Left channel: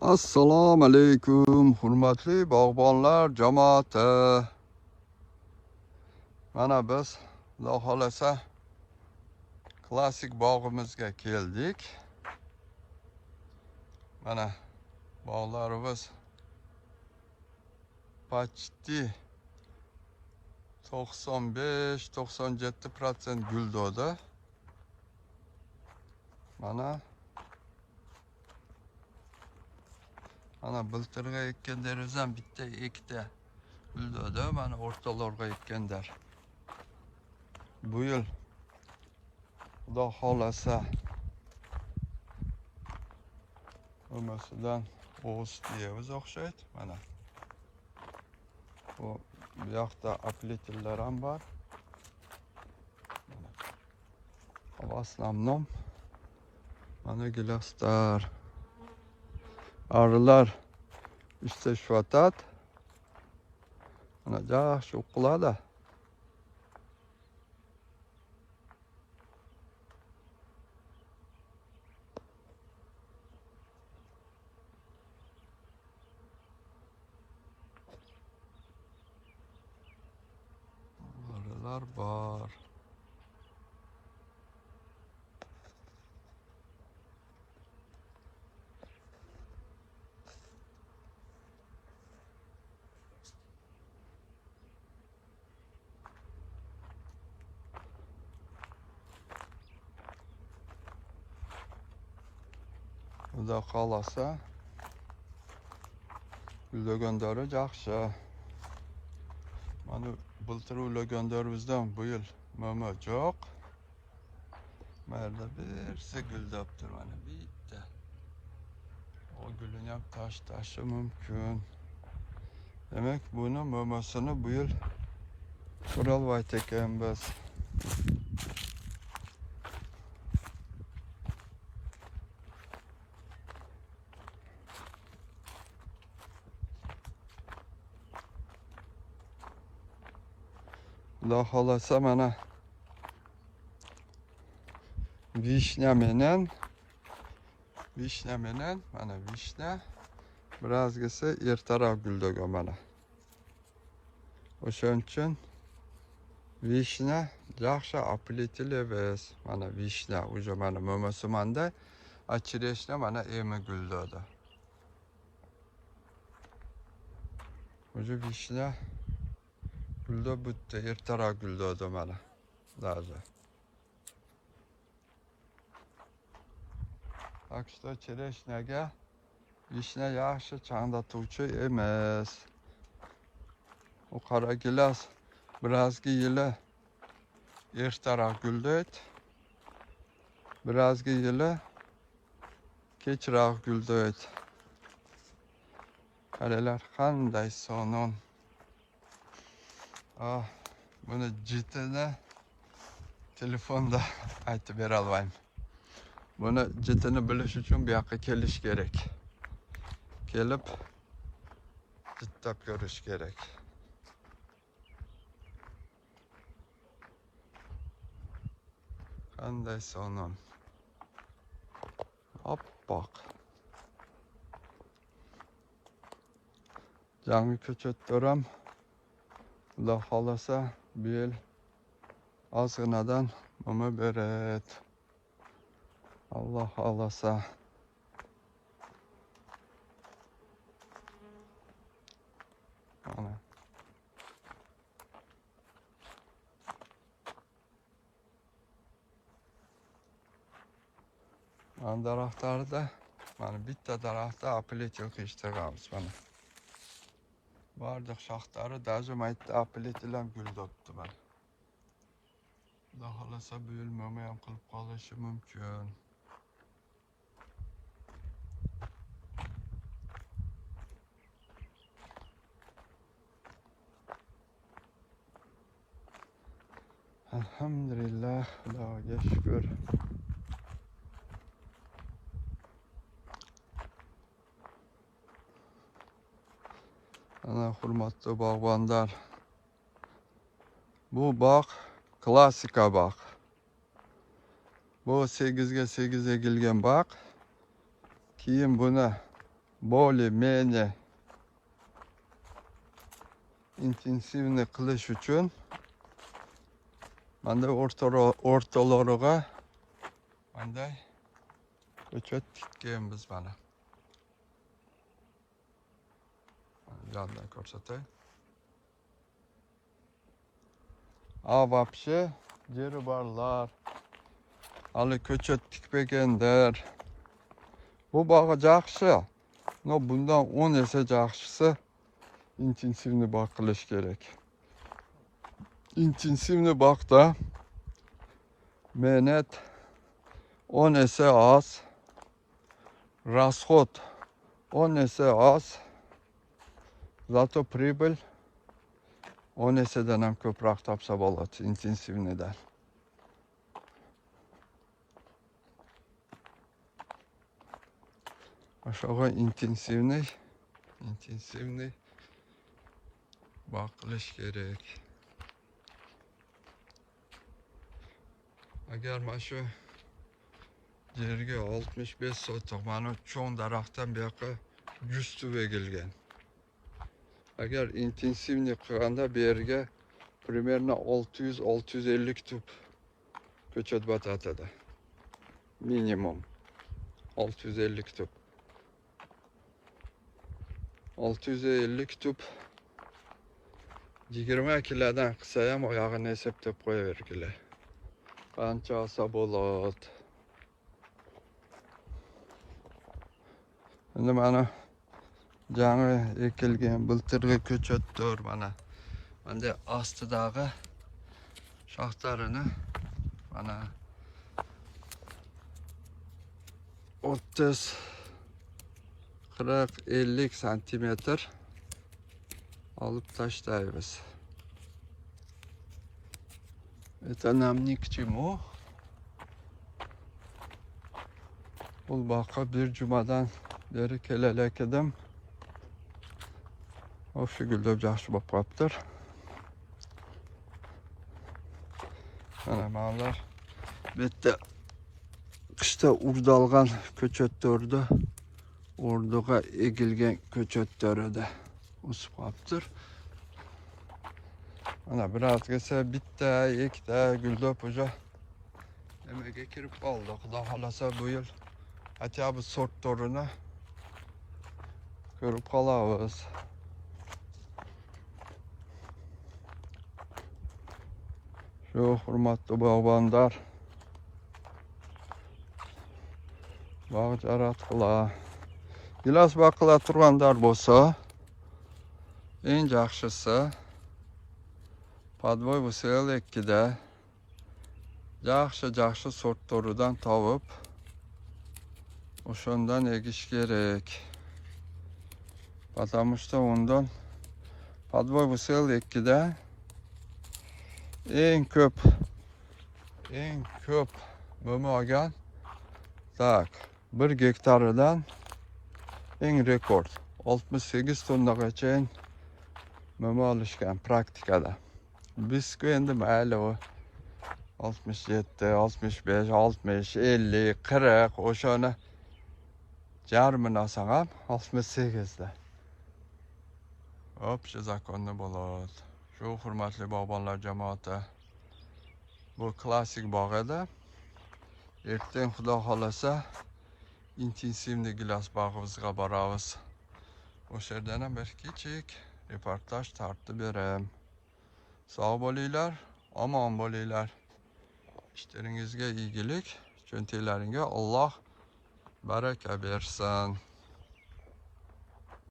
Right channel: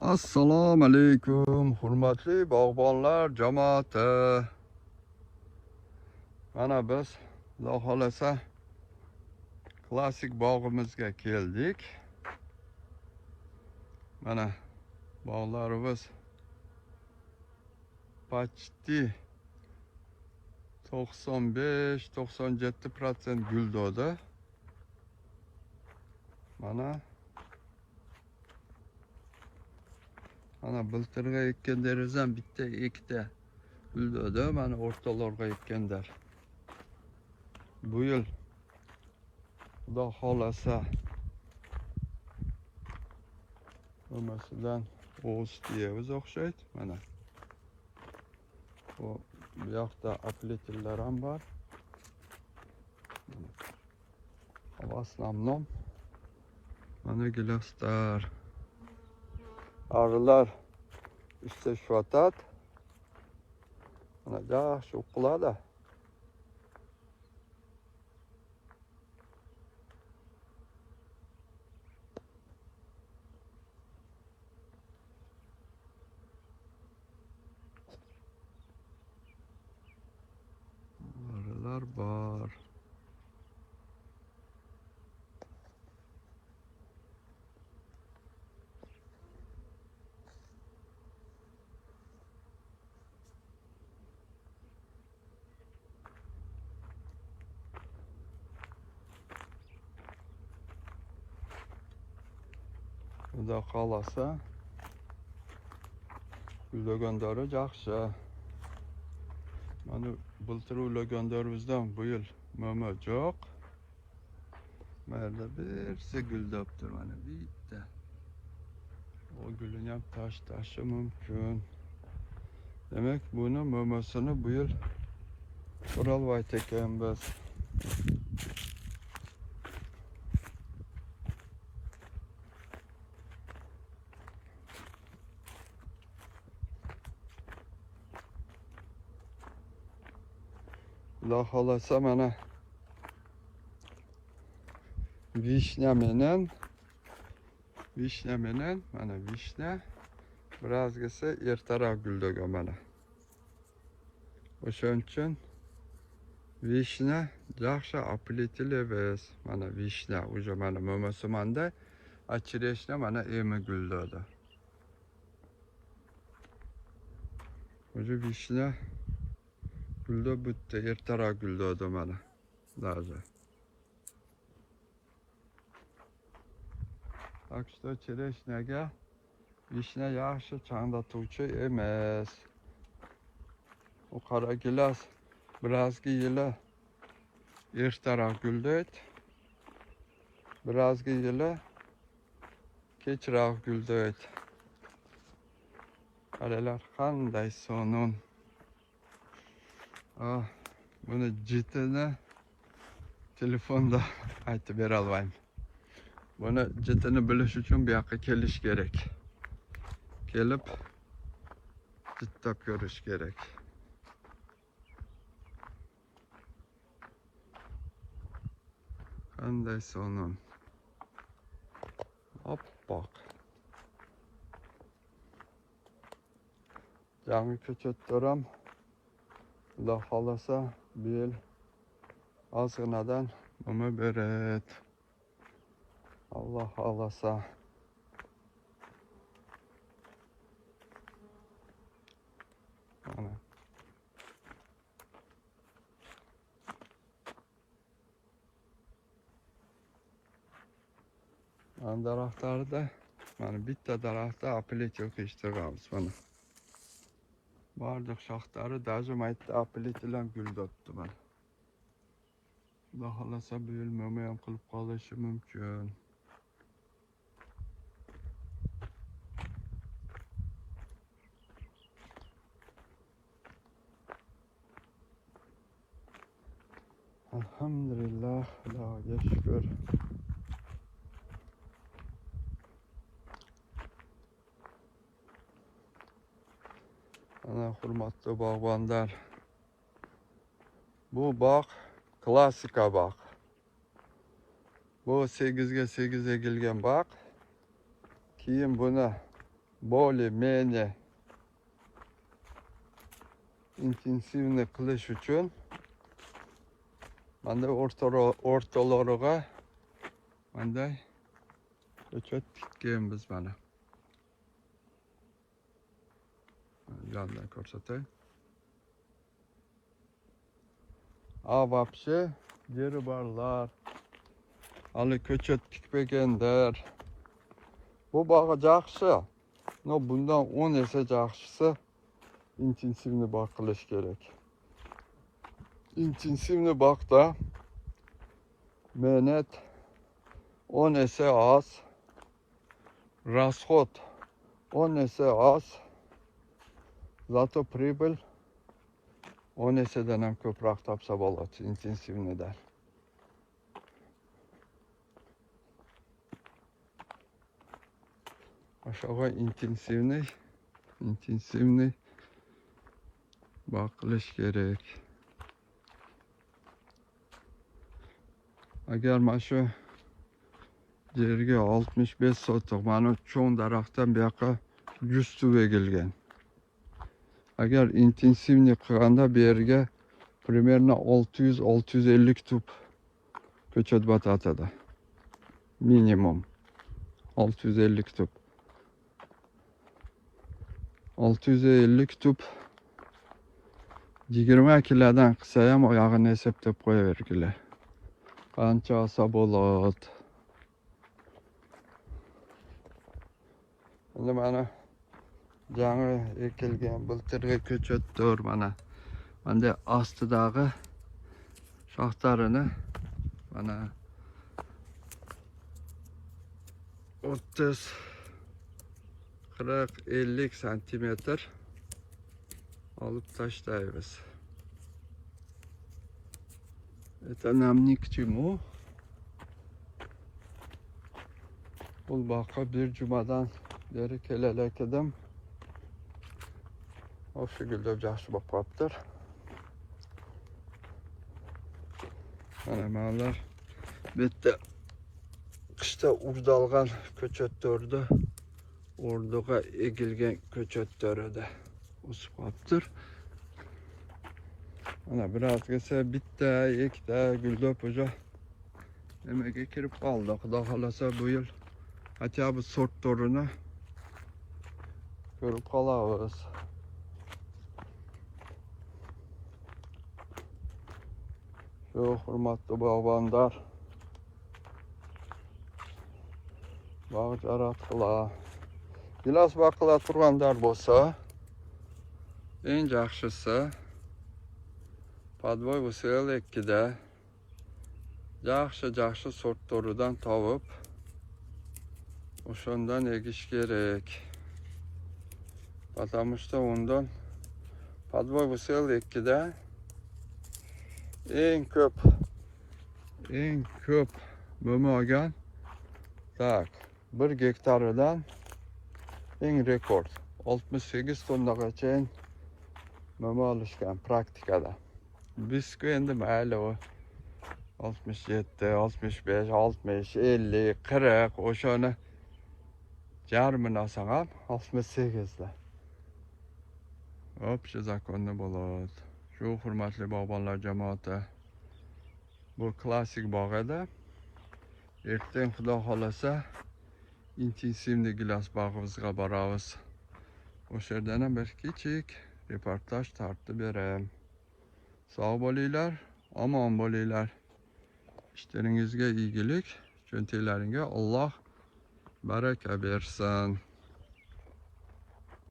Assalomu alaykum, hurmatli bog'bonlar jamoati. Mana biz Xudo xolasa klassik bog'imizga keldik. Mana bog'larimiz почти 95-97% guldodi. Mana biltirga ekkan derazam bitta ikkita guldodi. Mana o'rtalarga ekkanlar. Bu yil Xudo xolasa nimasidan o'z diyamiz o'xshaydi. Mana bu yoqda aplitillar ham bor. Havas namnom. Mana gilaslar. Arılar istishvatat. Mana yaxshi uxladi. Arılar bor. Xudo xolasa uylagandari yaxshi. Mana bultur uylaganlarimizdan bu yil mama yo'q. Mana birsi guldabdir, mana bitta. O gulini ham tashlashi mumkin. Demak, buni mamasini bu yil qilolmayt ekanmiz. Xudo xolasa mana vishna menen mana vishna birazgisi ertaroq guldagan mana. O'shaning uchun vishna yaxshi aplitilebes. Mana vishna уже mana mo'masimanda achireshna mana emi guldadi. Уже vishna gulda bitta ertaroq guldadi mana. Даже. Так что chereshnaga vishna yaxshi changlatuvchi emas. U qora gilas birazgi yili ertaroq guldaydi. Birazgi yili kechroq guldaydi. Qaralar qanday sonon. Buni jitini telefonda aytib bera olmayman. Buni jitini bilish uchun bu yoqqa kelish kerak. Kelib jitlab ko'rish kerak. Qanday sonon. Oppoq. Yangi ko'chatlar Xudo xolasa bu yil ozginadan mama beradi. Alloh xolasa. Mana daraxtlarda mana bitta daraxtda aplit yo'q eshitganmiz mana. Barliq shoxlari даже maytda aplit bilan guldabdi mana. Xudo xolasa bu yil mama ham qilib qolishi mumkin. Alhamdulillah, Xudoga shukr. Ana hurmatli bog'bonlar. Bu bog' klassika bog'. Bu 8 ga 8 egilgan bog'. Keyin buni более-менее intensivniy qilish uchun mana o'rtalariga bunday ko'chat tikkanmiz mana. Yandan ko'rsatay. Вообще jeri borlar. Hali ko'chat tikmaganlar. Bu bog'i yaxshi. No bundan 10 esa yaxshisi intensivniy bog' qilish kerak. Intensivniy bog'da mehnat 10 esa oz, расход 10 esa oz, zato прибыль 10 esadan ham ko'proq topsa bo'ladi intensivniydan. O'shaga intensivniy bog' qilish kerak. Agar mana shu yerga 65 sotiq mana cho'ng daraxtdan bu yoqqa 100 tup egilgan. Agar intensivniy qilganda bu yerga примерно 600-650 tup ko'chat botadi. Minimum 650 tup. 650 tup 20 kilodan qilsa ham oyog'ini hisoblab qo'yavergilar. Qancha olsa bo'ladi. Endi mana jami ekilgan bultirli ko'chatlar mana ostidagi shoxlarini mana 30 40-50 santimetr olib tashlaymiz. Это нам ни к чему. Bu boqqa bir jumadan beri kelalik edim. O'sha gullab yaxshi bo'lib qolibdir. Mana ma'lumlar bu yerda qishda urdalgan ko'chatlarni o'rniga egilgan ko'chatlar edi. O'sib qolibdir. Mana birazgisi bitta, ikkita gullab o'sha nimaga kirib qoldi. Xudo xolasa bu yil хотя бы sortlarini ko'rib qolamiz. Shu hurmatli bog'bonlar, bog' yaratqilar. Gilos baqila turganlar bo'lsa, eng yaxshisi podvoy usel 2da yaxshi sortlaridan topib o'shandan egish kerak. Потому что undan podvoy usel 2da eng ko'p bo'lmagan tak 1 gektaridan eng rekord 68 tonnagacha mum olishgan praktikada. Bizga endi mayli 67, 65, 60, 50, 40 o'shani jarmini olsam ham 68da. Hop, shu zakonni bo'ladi. Shu hurmatli bog'bonlar jamoati, bu klassik bog' edi. Ertaga xudo xolasa intensivniy gilos bog'imizga boramiz. O'sha yerdan ham bir kichik reportaj tartib beraman. Sog' bo'linglar, omon bo'linglar. İşleringizga iyilik, cho'ntaklaringga Alloh baraka bersin.